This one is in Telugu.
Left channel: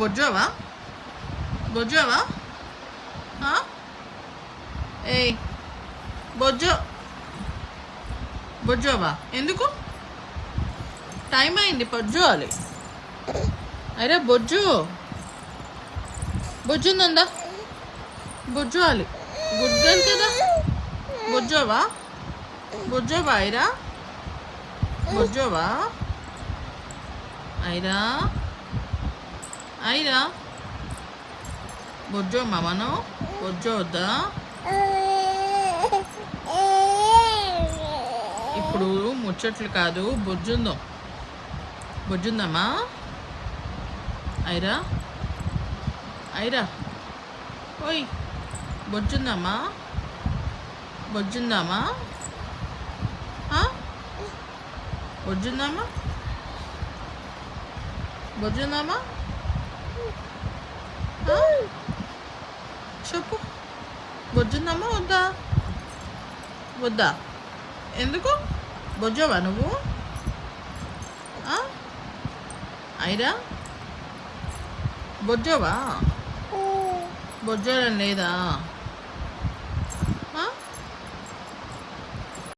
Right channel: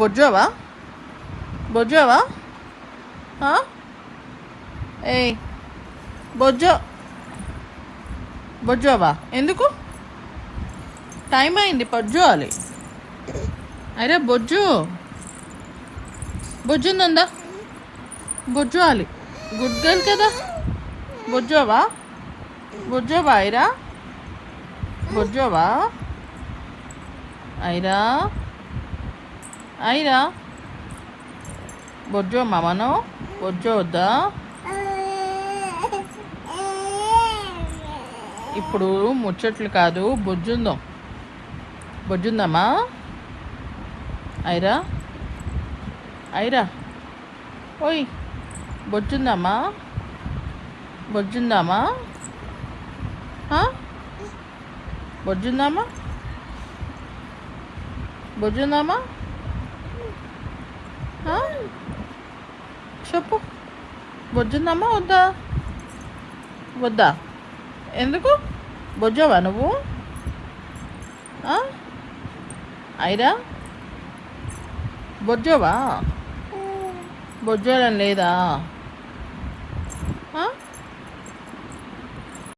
బొజ్జావా బొజ్జావా ఏ బొజ్జో బొజ్జావా ఎందుకు టైం అయింది బొజ్జోవాలి అరే బొజ్జు బొజ్జుందా బొజ్జోవాలి గుడ్డలు కదా బొజ్జోవా బొజ్జోవా ఐరా బొజ్జోవా ఐరా ఐరా బొజ్జో మామను బొజ్జో వద్దా ఇప్పుడు ముచ్చట్లు కాదు బొజ్జుందమ్మా ఐరా ఐరా ఓయ్ బొజ్జుందమ్మా బొజ్జుందామా బొజ్జుందామా బొజ్జుందామా చెప్పు బొజ్జుందామా వద్దా వద్దా ఎందుకు బొజ్జావా నువ్వు ఐరా బొజ్జావా బొజ్జాలని లేదా